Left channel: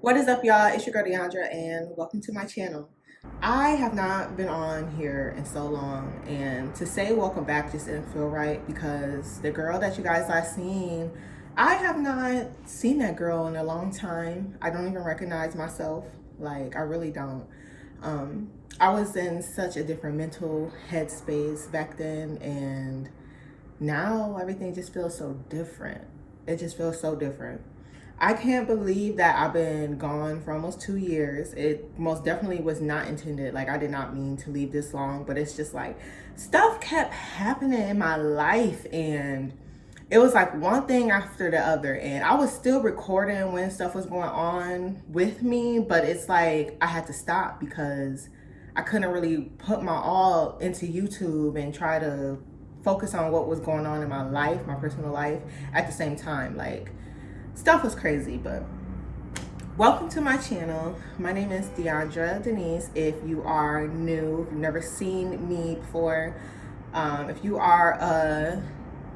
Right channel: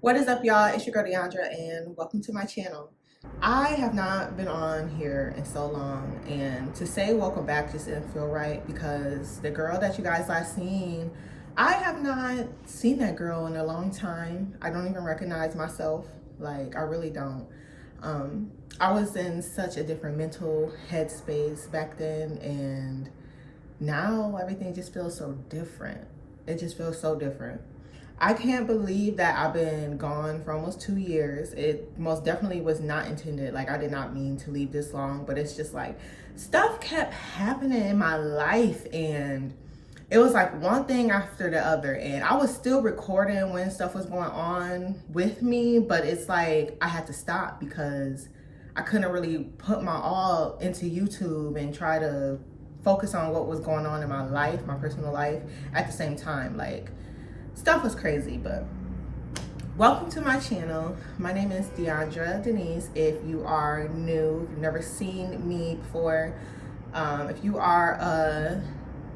What is up, y'all? It's your girl Deandra, and welcome to my channel. I have not been on here in so long, and to say welcome back just didn't feel right because the girl that you guys are seeing, I have not seen that girl in a long time. I don't even recognize myself. Like, I really don't. I was in such a different mental headspace back then, and now everything just feels so different. It just feels so different. I can't believe that I've been gone for almost 2 years. It most definitely was not intended. Like, I did not mean to leave this long, but it's just like stuff kept happening in my life, and it was like one thing after the other. And I was still recording when stuff was going on with me, but it's like I had to stop because I couldn't really put my all into YouTube and try to focus on what was going on in my life, my personal life, at the same time. Like, stuff was crazy. But welcome to my channel. My name is Deandra Denise. If you are new, if you've never seen me before, if you are a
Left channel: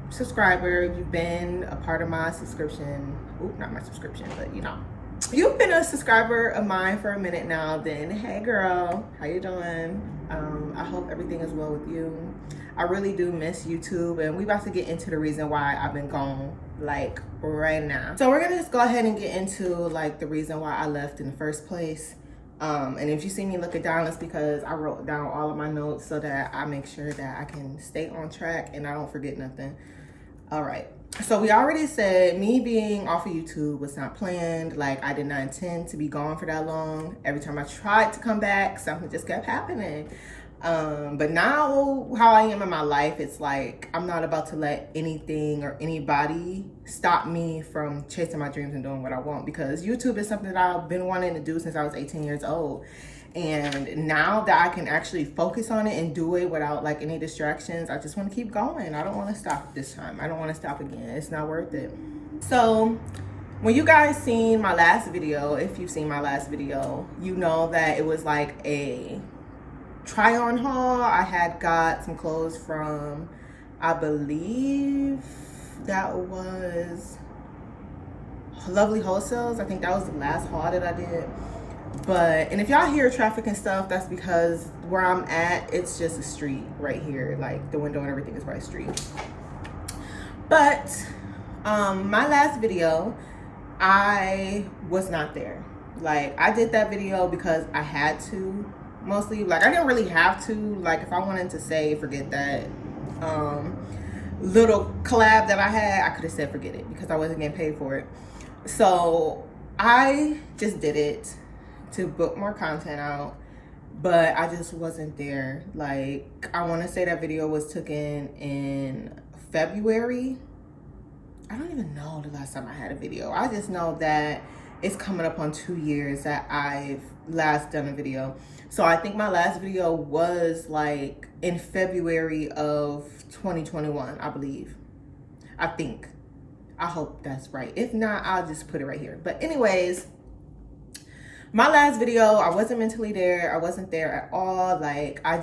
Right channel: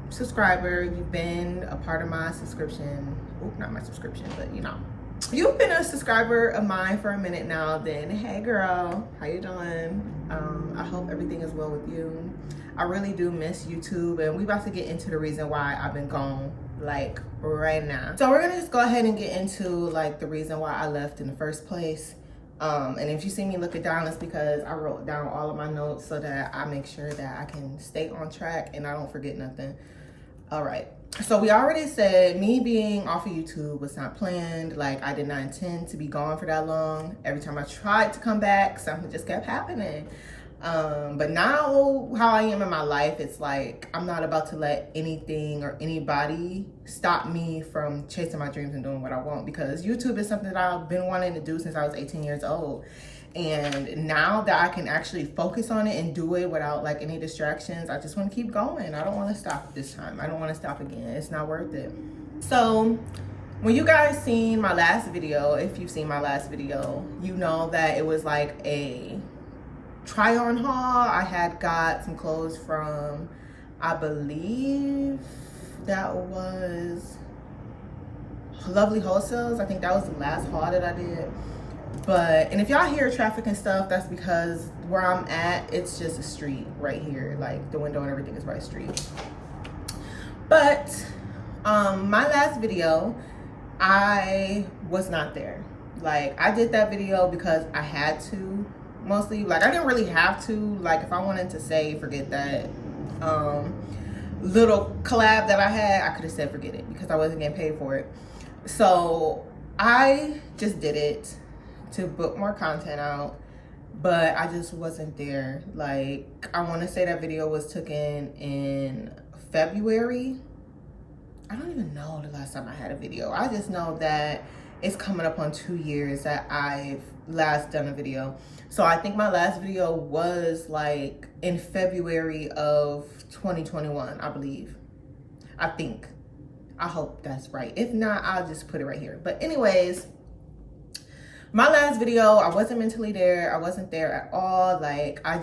subscriber, if you've been a part of my subscription, not my subscription, but you've been a subscriber of mine for a minute now, then hey girl, how you doing? I hope everything is well with you. I really do miss YouTube, and we about to get into the reason why I've been gone, like right now. So we're gonna just go ahead and get into like the reason why I left in the first place. And if you see me looking down, it's because I wrote down all of my notes so that I make sure that I can stay on track and I don't forget nothing. All right. So we already said me being off of YouTube was not planned. Like, I did not intend to be gone for that long. Every time I tried to come back, something just kept happening. But now how I am in my life, it's like I'm not about to let anything or anybody stop me from chasing my dreams and doing what I want, because YouTube is something that I've been wanting to do since I was 18 years old. And now that I can actually focus on it and do it without like any distractions, I just want to keep going. I don't want to stop this time. I don't want to stop again. It's not worth it. So when you guys seen my last video, if you've seen my last video, you know that it was like a try on haul. I had got some clothes from, I believe that was Lovely Wholesales. I think that was the last haul that I did. But, and if y'all hear traffic and stuff, that's because where I'm at, it's just a street right here. Like, the window and everything is right street. But my last video, I was not there. Like, I did that video because I had to, mostly. Like, I didn't really have to. Like, if I wanted to say forget that little collab that I had, I could have said forget it because I wasn't getting paid for it. So I just did it to book more content out, but I just wasn't there. Like, I want to say that video was taken in February. I don't even know the last time I had a video. I just know that it's coming up on 2 years that I've last done a video. So I think my last video was like in February of 2021, I believe. I think. I hope that's right. If not, I'll just put it right here. But anyways, my last video, I wasn't mentally there. I wasn't there at all. Like, I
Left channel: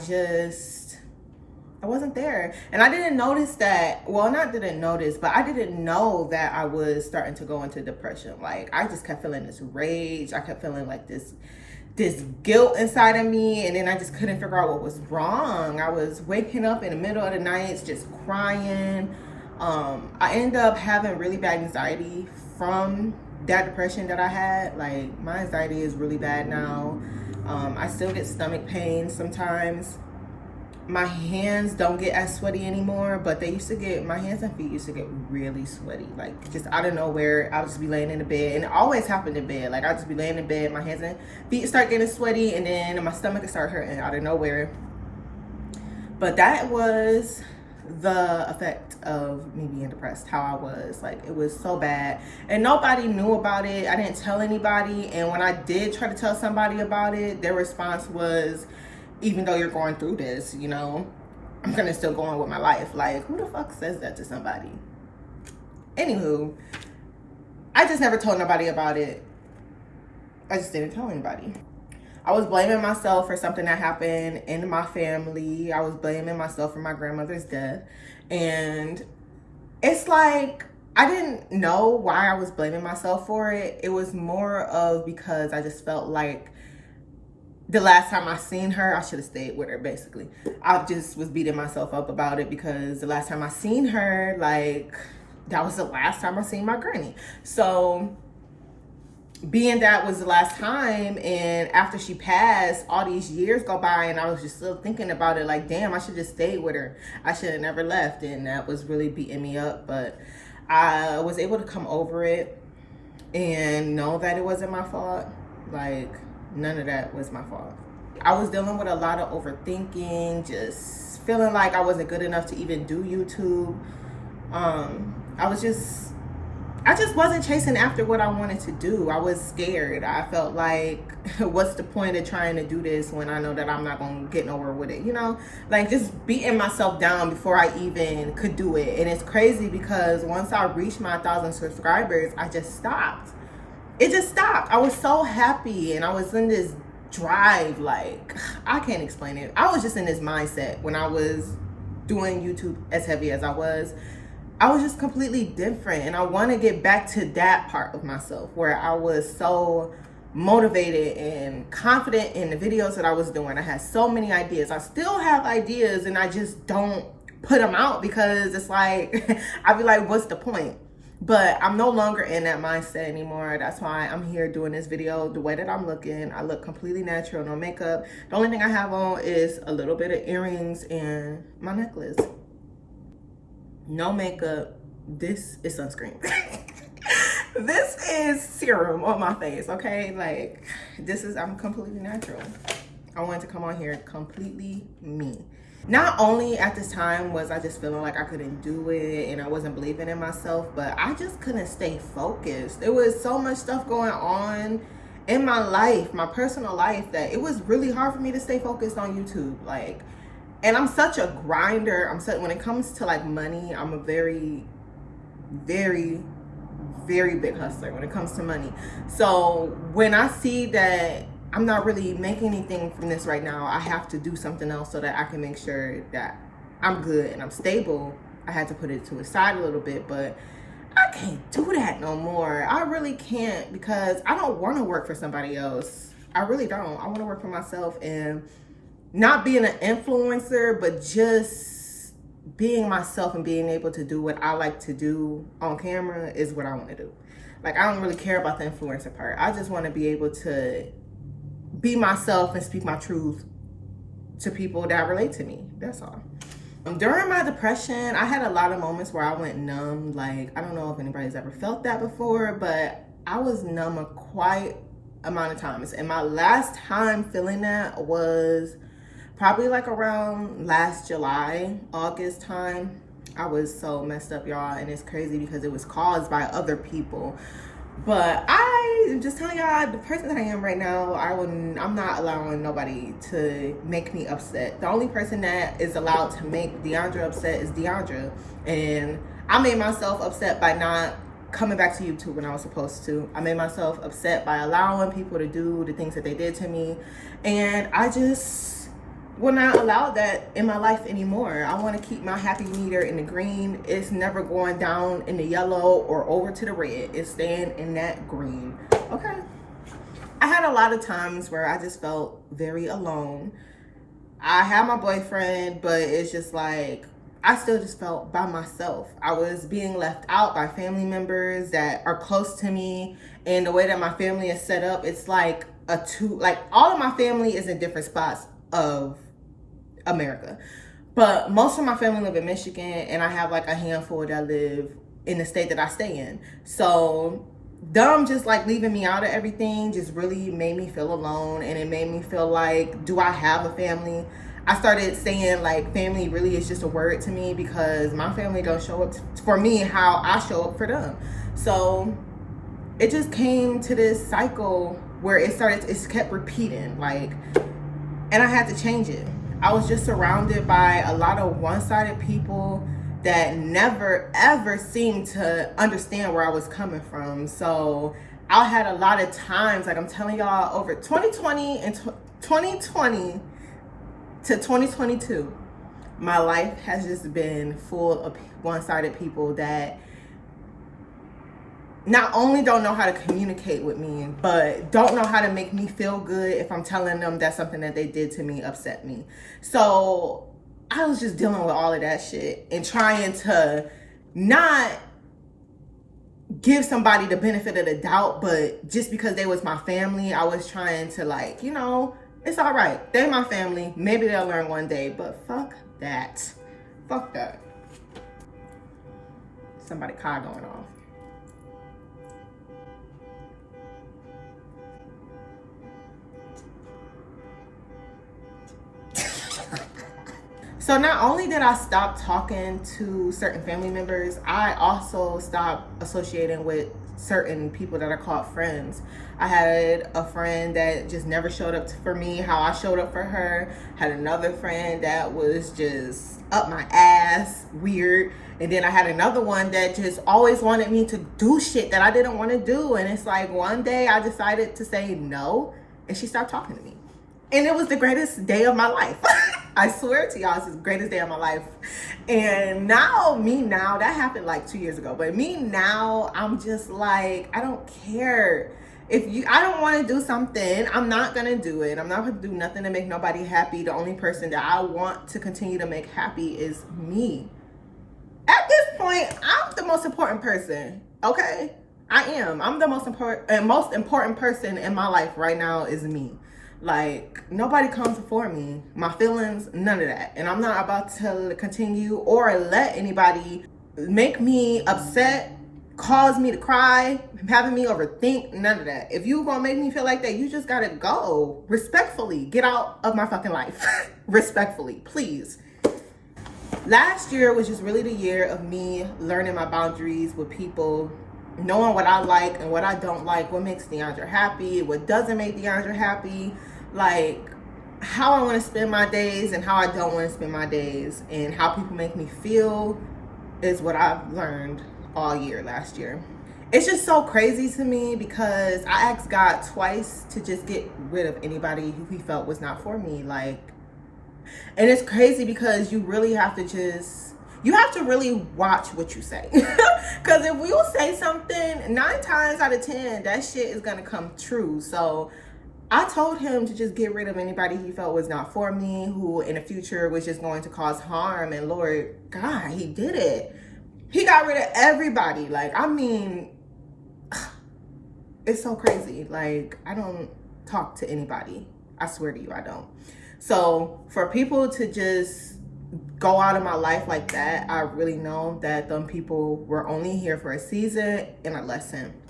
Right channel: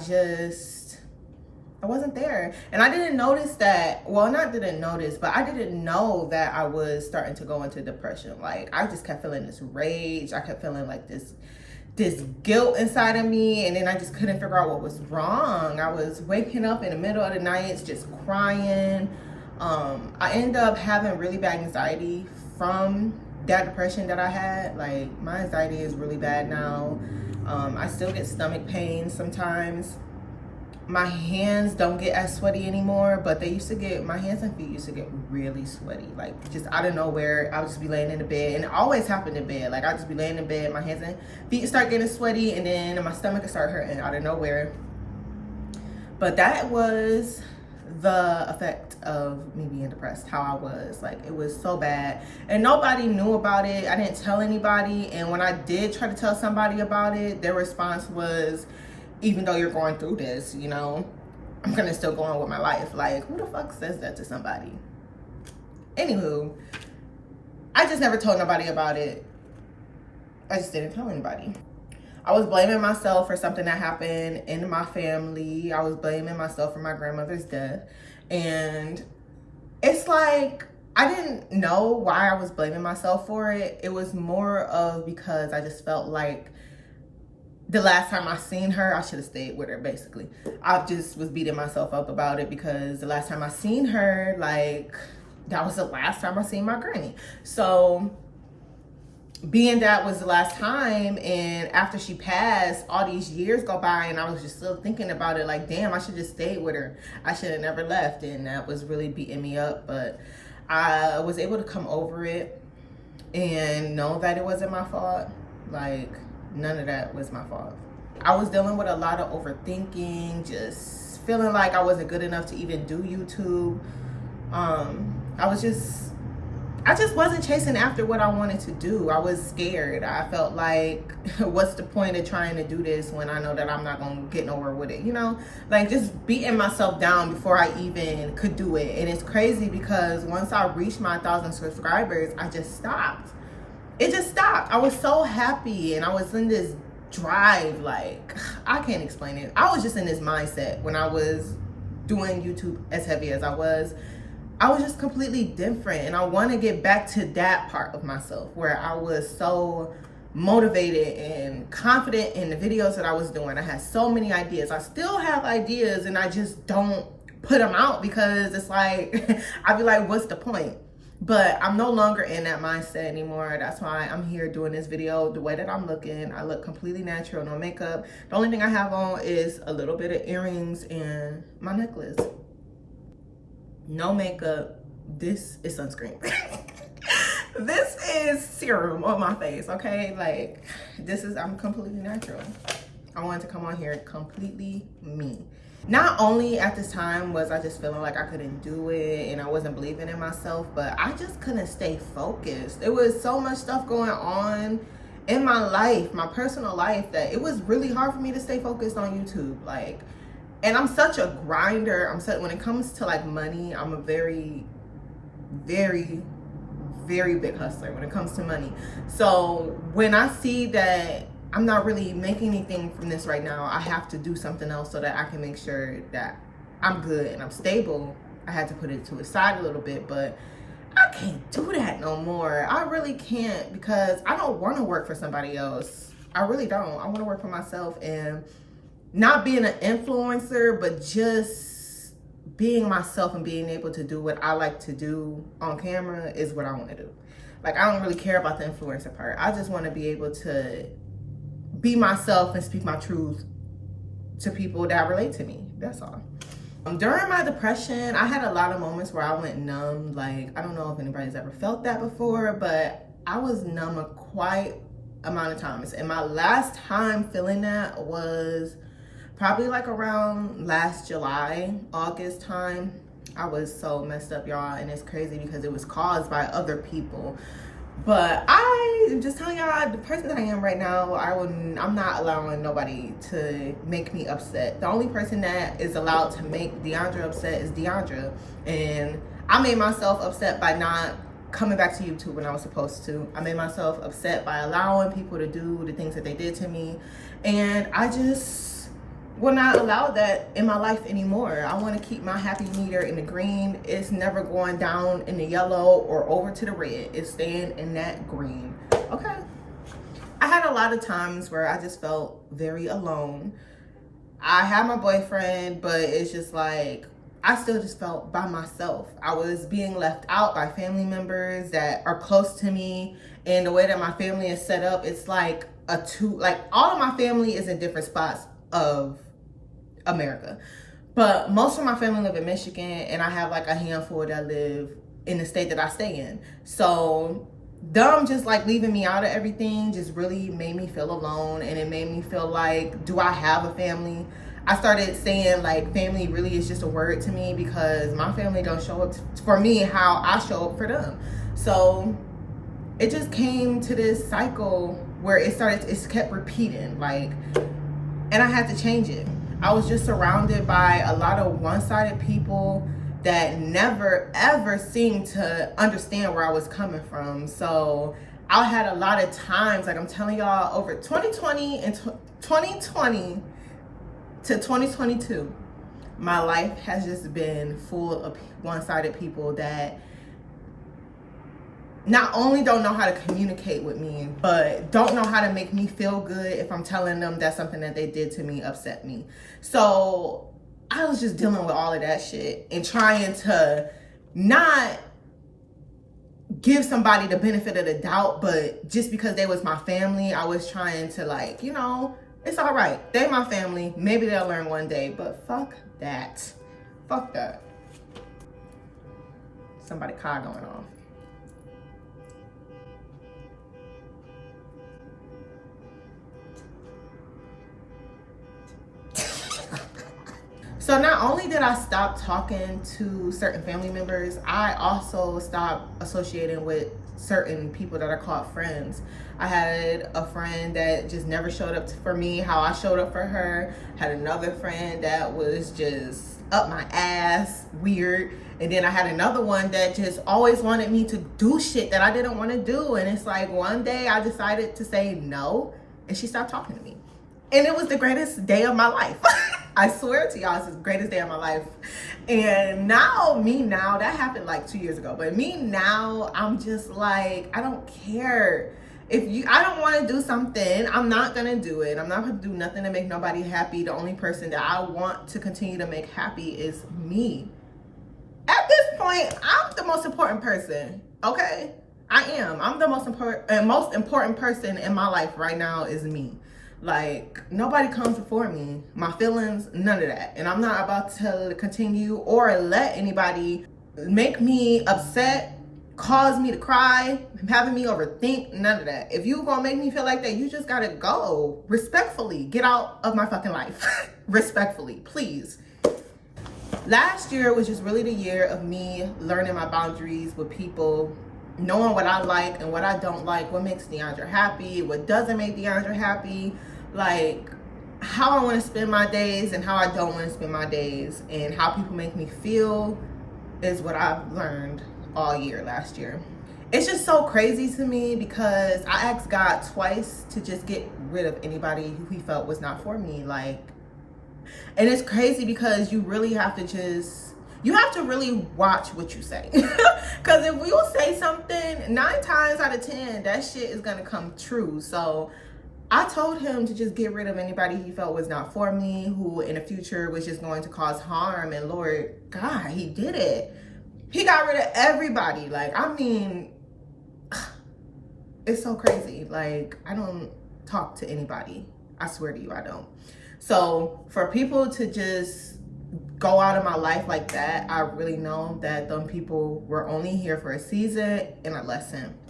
wasn't there. And I didn't notice that, well, not didn't notice, but I didn't know that I was starting to go into depression. Like, I just kept feeling this rage. I kept feeling like this guilt inside of me, and then I just couldn't figure out what was wrong. I was waking up in the middle of the night just crying. I ended up having really bad anxiety from that depression that I had. Like, my anxiety is really bad now. I still get stomach pain sometimes. My hands don't get as sweaty anymore, but they used to get, my hands and feet used to get really sweaty. Like, just out of nowhere, I would just be laying in the bed, and it always happened in bed. Like, I'd just be laying in bed, my hands and feet start getting sweaty, and then my stomach would start hurting out of nowhere. But that was the effect of me being depressed, how I was. Like, it was so bad, and nobody knew about it. I didn't tell anybody, and when I did try to tell somebody about it, their response was, even though you're going through this, you know, I'm gonna still go on with my life. Like, who the fuck says that to somebody? Anywho, I just never told nobody about it. I just didn't tell anybody. I was blaming myself for something that happened in my family. I was blaming myself for my grandmother's death. And it's like, I didn't know why I was blaming myself for it. It was more of because I just felt like the last time I seen her, I should have stayed with her, basically. I just was beating myself up about it because the last time I seen her, like, that was the last time I seen my granny. So being that was the last time, and after she passed, all these years go by, and I was just still thinking about it, like, damn, I should just stayed with her. I should have never left, and that was really beating me up. But I was able to come over it and know that it wasn't my fault. Like, none of that was my fault. I was dealing with a lot of overthinking, just feeling like I wasn't good enough to even do YouTube. I just wasn't chasing after what I wanted to do. I was scared. I felt like, what's the point of trying to do this when I know that I'm not going to get nowhere with it, you know? Like, just beating myself down before I even could do it. And it's crazy because once I reached my 1,000 subscribers, I just stopped. It just stopped. I was so happy, and I was in this drive, like, I can't explain it. I was just in this mindset when I was doing YouTube as heavy as I was just completely different. And I want to get back to that part of myself where I was so motivated and confident in the videos that I was doing. I had so many ideas. I still have ideas, and I just don't put them out because it's like, I'd be like, what's the point? But I'm no longer in that mindset anymore. That's why I'm here doing this video the way that I'm looking. I look completely natural, no makeup. The only thing I have on is a little bit of earrings and my necklace. No makeup. This is sunscreen. This is serum on my face, okay? Like, I'm completely natural. I wanted to come on here completely me. Not only at this time was I just feeling like I couldn't do it and I wasn't believing in myself, but I just couldn't stay focused. There was so much stuff going on in my life, my personal life, that it was really hard for me to stay focused on YouTube. Like, and I'm such a grinder. When it comes to like money, I'm a very, very, very big hustler when it comes to money. So when I see that I'm not really making anything from this right now, I have to do something else so that I can make sure that I'm good and I'm stable. I had to put it to the side a little bit, but I can't do that no more. I really can't, because I don't want to work for somebody else. I really don't. I want to work for myself, and not being an influencer, but just being myself and being able to do what I like to do on camera is what I want to do. Like, I don't really care about the influencer part. I just want to be able to be myself and speak my truth to people that relate to me. That's all. During my depression, I had a lot of moments where I went numb. Like, I don't know if anybody's ever felt that before, but I was numb a quite amount of times. And my last time feeling that was probably like around last July, August time. I was so messed up, y'all, and it's crazy because it was caused by other people. But I'm just telling y'all, the person that I am right now, I'm not allowing nobody to make me upset. The only person that is allowed to make Deandra upset is Deandra. And I made myself upset by not coming back to YouTube when I was supposed to. I made myself upset by allowing people to do the things that they did to me. And I just will not allow that in my life anymore. I want to keep my happy meter in the green. It's never going down in the yellow or over to the red. It's staying in that green. Okay. I had a lot of times where I just felt very alone. I had my boyfriend, but it's just like, I still just felt by myself. I was being left out by family members that are close to me. And the way that my family is set up, it's like all of my family is in different spots of America, but most of my family live in Michigan, and I have like a handful that live in the state that I stay in. So them just like leaving me out of everything just really made me feel alone, and it made me feel like, do I have a family? I started saying like family really is just a word to me because my family don't show up for me how I show up for them. So it just came to this cycle where it kept repeating, like, and I had to change it. I was just surrounded by a lot of one-sided people that never ever seemed to understand where I was coming from. So I had a lot of times, like I'm telling y'all, over 2020 and 2020 to 2022, my life has just been full of one-sided people that not only don't know how to communicate with me, but don't know how to make me feel good if I'm telling them that something that they did to me upset me. So I was just dealing with all of that shit and trying to not give somebody the benefit of the doubt, but just because they was my family, I was trying to, like, you know, it's all right. They're my family. Maybe they'll learn one day, but fuck that. Fuck that. Somebody car going off. So not only did I stop talking to certain family members, I also stopped associating with certain people that are called friends. I had a friend that just never showed up for me how I showed up for her. Had another friend that was just up my ass, weird. And then I had another one that just always wanted me to do shit that I didn't want to do. And it's like one day I decided to say no, and she stopped talking to me. And it was the greatest day of my life. I swear to y'all, it's the greatest day of my life. And now, that happened like 2 years ago. But me now, I'm just like, I don't care. I don't want to do something, I'm not going to do it. I'm not going to do nothing to make nobody happy. The only person that I want to continue to make happy is me. At this point, I'm the most important person, okay? I am. I'm the most important person in my life right now is me. Like, nobody comes before me. My feelings, none of that. And I'm not about to continue or let anybody make me upset, cause me to cry, having me overthink, none of that. If you gonna make me feel like that, you just gotta go. Respectfully, get out of my fucking life. Respectfully, please. Last year was just really the year of me learning my boundaries with people, knowing what I like and what I don't like, what makes DeAndre happy, what doesn't make DeAndre happy, like how I want to spend my days and how I don't want to spend my days, and how people make me feel is what I've learned all year last year. It's just so crazy to me because I asked God twice to just get rid of anybody who he felt was not for me. Like, and it's crazy because you really have to really watch what you say. Because if you say something, 9 times out of 10, that shit is going to come true. So I told him to just get rid of anybody he felt was not for me, who in the future was just going to cause harm. And Lord God, he did it. He got rid of everybody. Like, I mean, it's so crazy. Like, I don't talk to anybody. I swear to you, I don't. So for people to just go out of my life like that, I really know that them people were only here for a season and a lesson.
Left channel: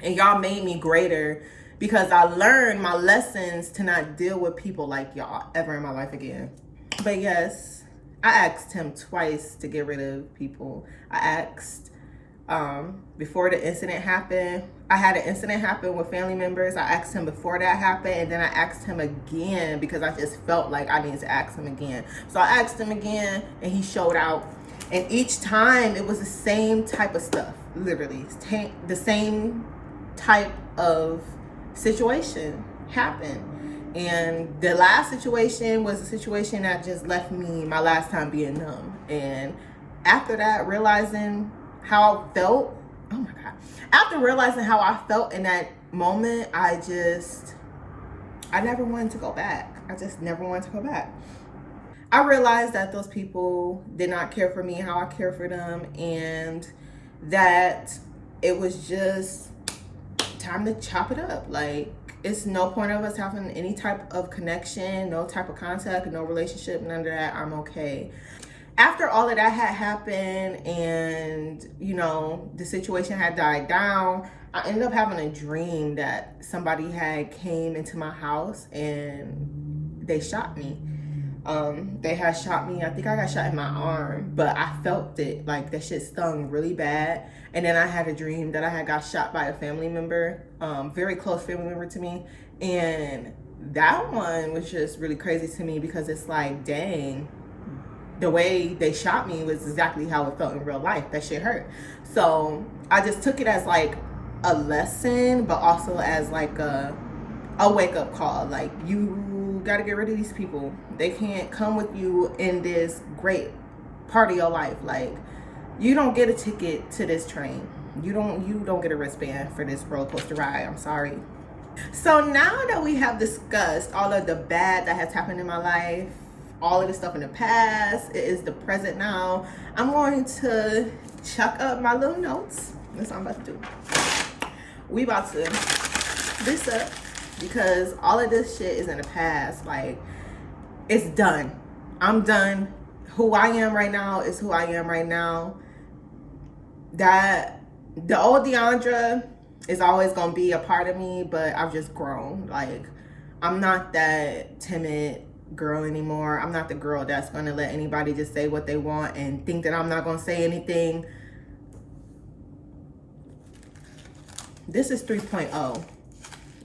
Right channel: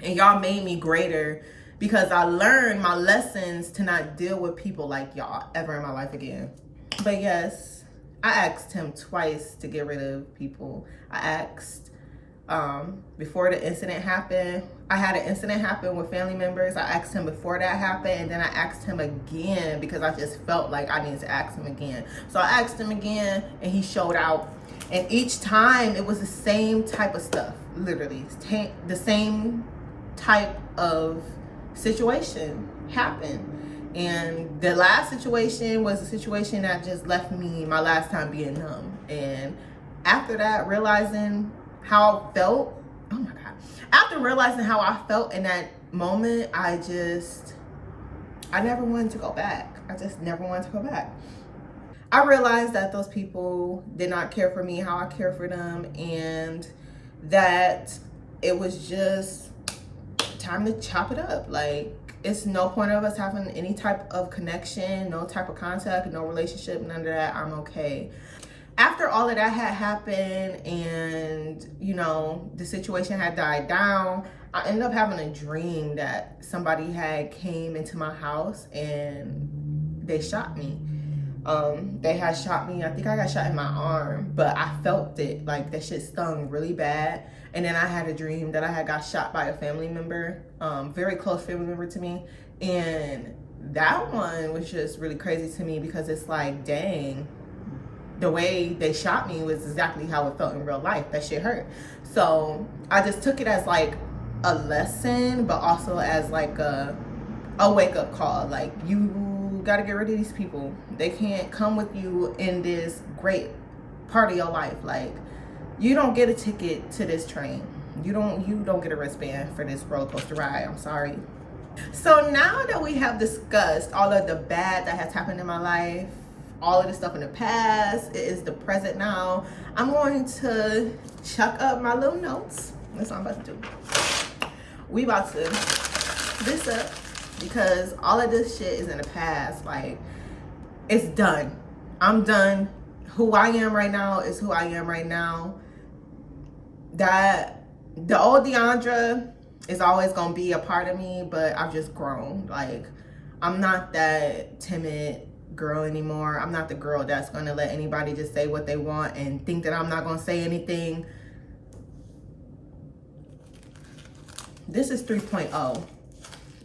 And y'all made me greater because I learned my lessons to not deal with people like y'all ever in my life again. But yes, I asked him twice to get rid of people. I asked before the incident happened. I had an incident happen with family members. I asked him before that happened, and then I asked him again because I just felt like I needed to ask him again. So I asked him again, and he showed out. And each time it was the same type of stuff, literally. The same type of situation happened. And the last situation was a situation that just left me my last time being numb. And after that, realizing how I felt, oh my God. After realizing how I felt in that moment, I never wanted to go back. I just never wanted to go back. I realized that those people did not care for me how I care for them, and that it was just time to chop it up. Like, it's no point of us having any type of connection, no type of contact, no relationship, none of that. I'm okay. After all of that had happened and, you know, the situation had died down, I ended up having a dream that somebody had came into my house and they shot me. They had shot me. I think I got shot in my arm, but I felt it. Like, that shit stung really bad. And then I had a dream that I had got shot by a family member, very close family member to me. And that one was just really crazy to me because it's like, dang, the way they shot me was exactly how it felt in real life. That shit hurt. So I just took it as like a lesson, but also as like a wake-up call. Like, you gotta get rid of these people. They can't come with you in this great part of your life. Like, you don't get a ticket to this train. You don't get a wristband for this roller coaster ride. I'm sorry. So now that we have discussed all of the bad that has happened in my life, all of the stuff in the past, it is the present now. I'm going to chuck up my little notes. That's what I'm about to do. We about to this up because all of this shit is in the past. Like, it's done. I'm done. Who I am right now is who I am right now. That the old Deandra is always gonna be a part of me, but I've just grown. Like, I'm not that timid girl anymore. I'm not the girl that's gonna let anybody just say what they want and think that I'm not gonna say anything. This is 3.0,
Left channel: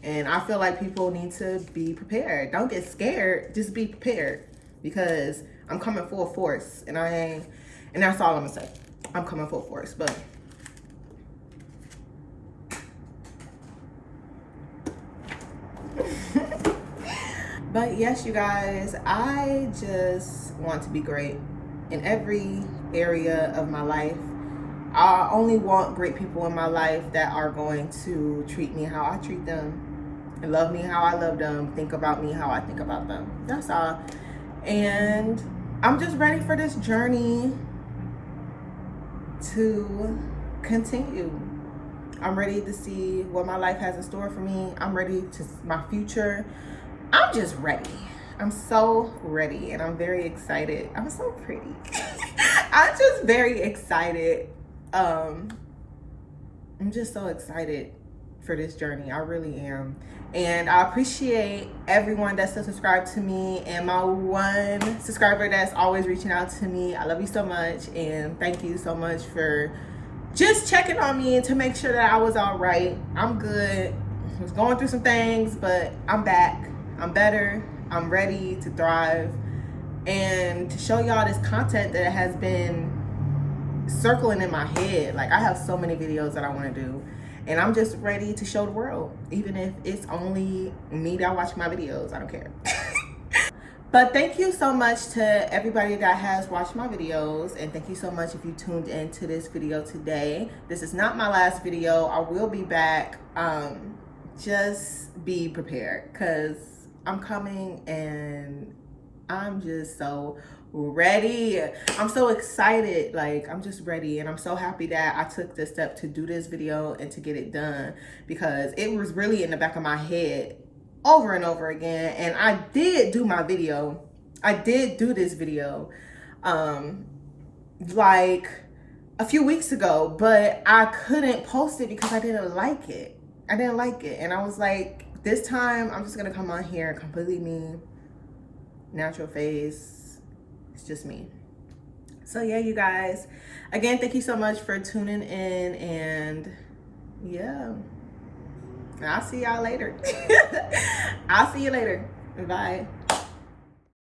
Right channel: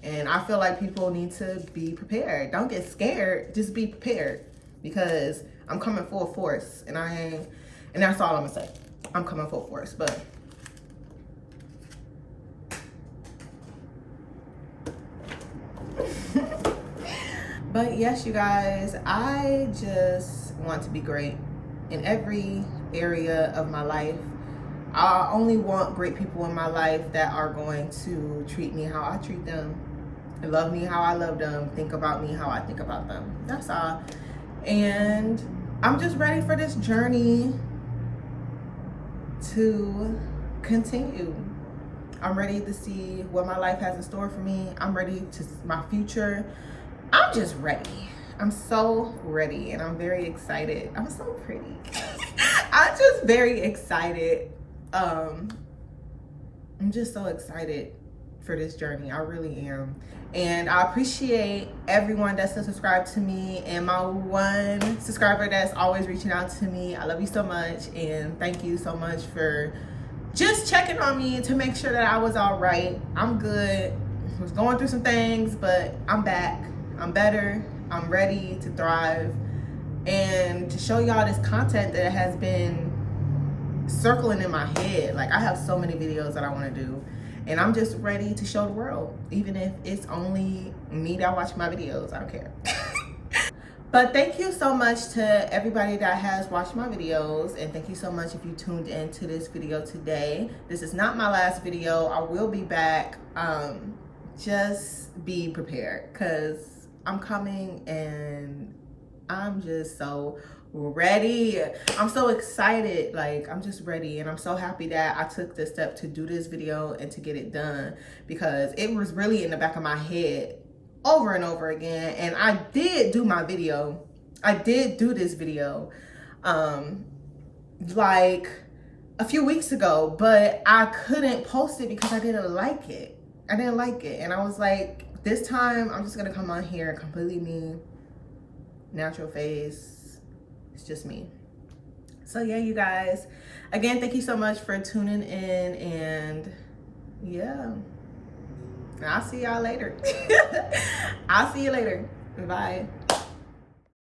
and I feel like people need to be prepared. Don't get scared, just be prepared, because I'm coming full force, and that's all I'm gonna say. I'm coming full force. But yes, you guys, I just want to be great in every area of my life. I only want great people in my life that are going to treat me how I treat them, and love me how I love them, think about me how I think about them. That's all. And I'm just ready for this journey to continue. I'm ready to see what my life has in store for me. I'm ready to my future. I'm just ready. I'm so ready, and I'm very excited. I'm so pretty. I'm just very excited. I'm just so excited for this journey. I really am. And I appreciate everyone that's still subscribed to me, and my one subscriber that's always reaching out to me. I love you so much, and thank you so much for just checking on me and to make sure that I was all right. I'm good. I was going through some things, but I'm back. I'm better. I'm ready to thrive and to show y'all this content that has been circling in my head. Like, I have so many videos that I want to do, and I'm just ready to show the world, even if it's only me that watch my videos. I don't care. But thank you so much to everybody that has watched my videos, and thank you so much if you tuned into this video today. This is not my last video. I will be back. Just be prepared, because I'm coming, and I'm just so ready. I'm so excited. Like, I'm just ready, and I'm so happy that I took the step to do this video and to get it done, because it was really in the back of my head over and over again. And I did do my video. I did do this video like a few weeks ago, but I couldn't post it because I didn't like it. I didn't like it, and I was like, this time I'm just gonna come on here completely me, natural face. It's just me. So yeah, you guys, again, thank you so much for tuning in, and yeah, I'll see y'all later. I'll see you later. Bye.